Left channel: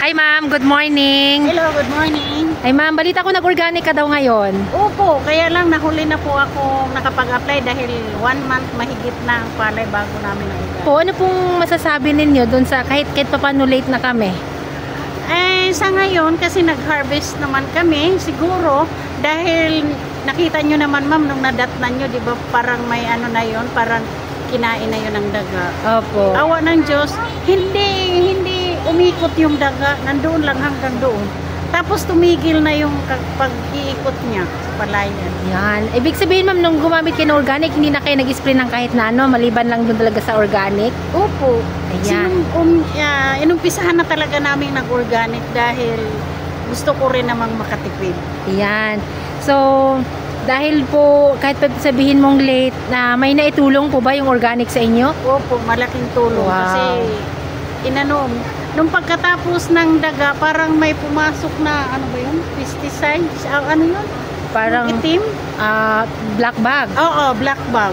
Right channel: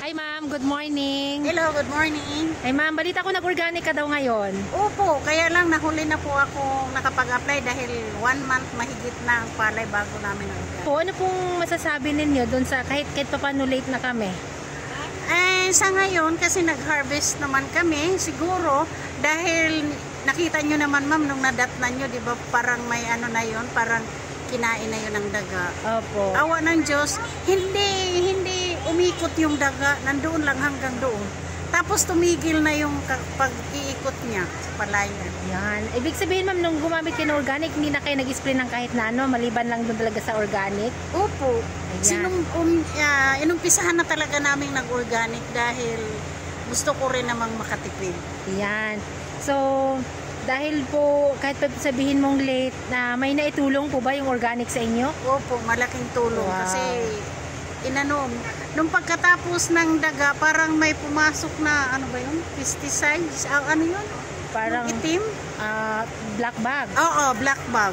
Hi ma'am, good morning. Hello, good morning. Ay ma'am, balita ko nag-organic ka daw ngayon. Opo, kaya lang nahuli na po ako nakapag-apply dahil 1 month mahigit na ang palay bago namin na-organic. Po, ano pong masasabi ninyo dun sa kahit paano late na kami? Sa ngayon, kasi nag-harvest naman kami, siguro, dahil nakita nyo naman ma'am, nung nadatnan nyo, di ba parang may ano na yun, parang kinain na yun ng daga. Opo. Awa ng Diyos, hindi umikot yung daga, nandoon lang hanggang doon. Tapos tumigil na yung pag-iikot niya sa palayan. Yan. Ibig sabihin ma'am, nung gumamit kayo ng organic, hindi na kayo nag-spray ng kahit na ano, maliban lang dun talaga sa organic? Opo. Ayan. Inumpisahan na talaga namin nag-organic dahil gusto ko rin namang makatipid. Yan. So, dahil po, kahit sabihin mong late, na may naitulong po ba yung organic sa inyo? Opo, malaking tulong. Wow. Kasi, nung pagkatapos ng daga, parang may pumasok na, ano ba yun? Pesticides? Ano yun? Parang itim? black bag. Oo, black bag.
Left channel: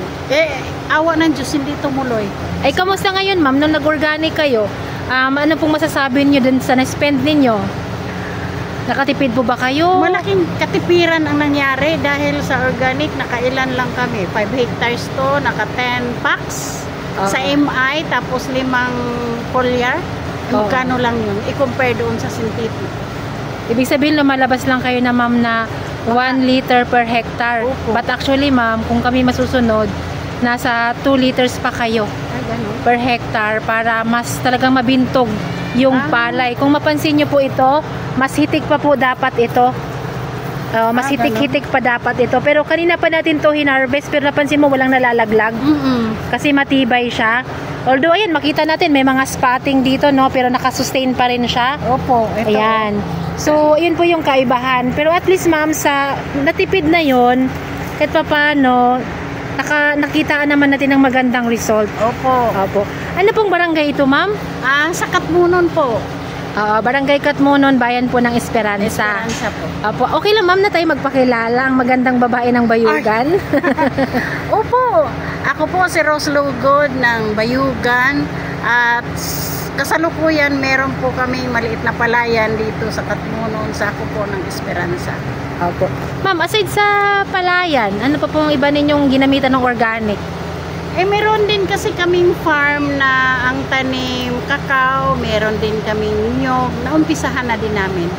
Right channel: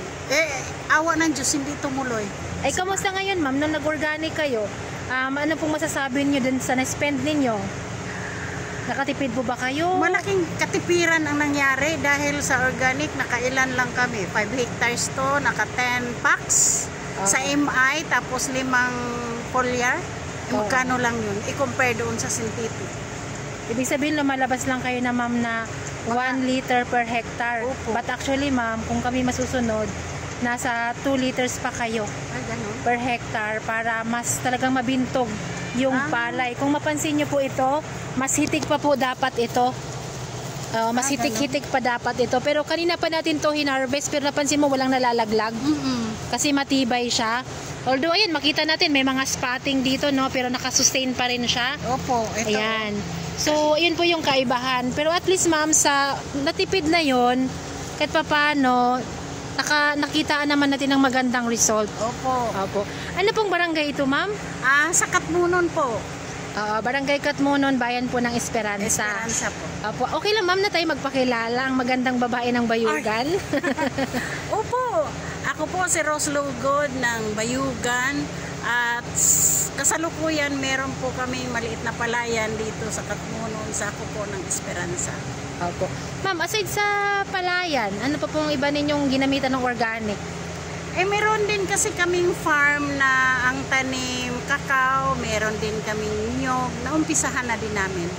Awa ng Diyos, hindi tumuloy. Ay, kamusta ngayon ma'am? Nung nag-organic kayo, ano pong masasabi niyo dun sa na-spend ninyo? Nakatipid po ba kayo? Malaking katipiran ang nangyari dahil sa organic, nakailan lang kami. 5 hectares to, naka 10 packs sa MI, tapos 5 foliar. Magkano lang yun? I-compare doon sa synthetic. Ibig sabihin, lumalabas lang kayo na ma'am na 1 liter per hectare. Opo. But actually ma'am, kung kami masusunod, nasa 2 liters pa kayo per hectare para mas talagang mabintog yung palay. Kung mapansin nyo po ito, mas hitik pa po dapat ito. Mas hitik-hitik pa dapat ito. Pero kanina pa natin to hinarvest, pero napansin mo walang nalalaglag. Kasi matibay siya. Although ayan, makita natin may mga spotting dito, no, pero nakasustain pa rin siya. Opo, ito. Ayan. So, yun po yung kaibahan. Pero at least ma'am, sa natipid na yon, kahit pa paano, nakitaan naman natin ng magandang result. Opo. Opo. Ano pong barangay ito ma'am? Sa Katmunon po. Barangay Katmunon, bayan po ng Esperanza. Esperanza po. Opo. Okay lang ma'am na tayo magpakilala, ang magandang babae ng Bayugan. Opo. Ako po si Rose Lugod ng Bayugan at kasalukuyan meron po kami maliit na palayan dito sa Katmunon, sa ako po ng Esperanza. Opo. Ma'am, aside sa palayan, ano pa pong iba ninyong ginamitan ng organic? Meron din kasi kaming farm na ang tanim kakao, meron din kaming nyog, naumpisahan na din namin.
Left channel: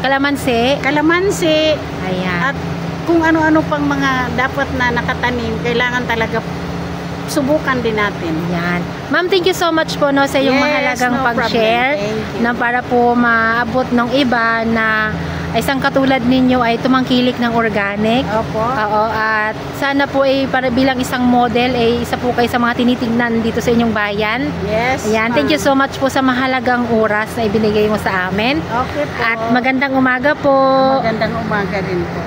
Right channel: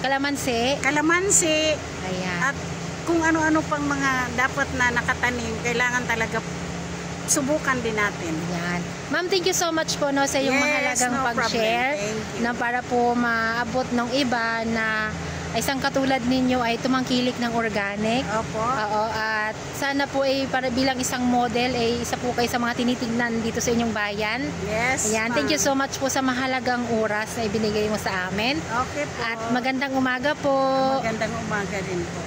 Kalamansi? Kalamansi. Ayan. At kung ano-ano pang mga dapat na nakatanim, kailangan talaga subukan din natin. Yan. Ma'am, thank you so much po no, sa iyong mahalagang pag-share na para po maabot ng iba na isang katulad ninyo ay tumangkilik ng organic. Opo. Oo, at sana po ay para bilang isang model ay isa po kayo sa mga tinitingnan dito sa inyong bayan. Yes. Ayan, thank you so much po sa mahalagang oras na ibinigay mo sa amin. Okay po. At magandang umaga po. Magandang umaga rin po.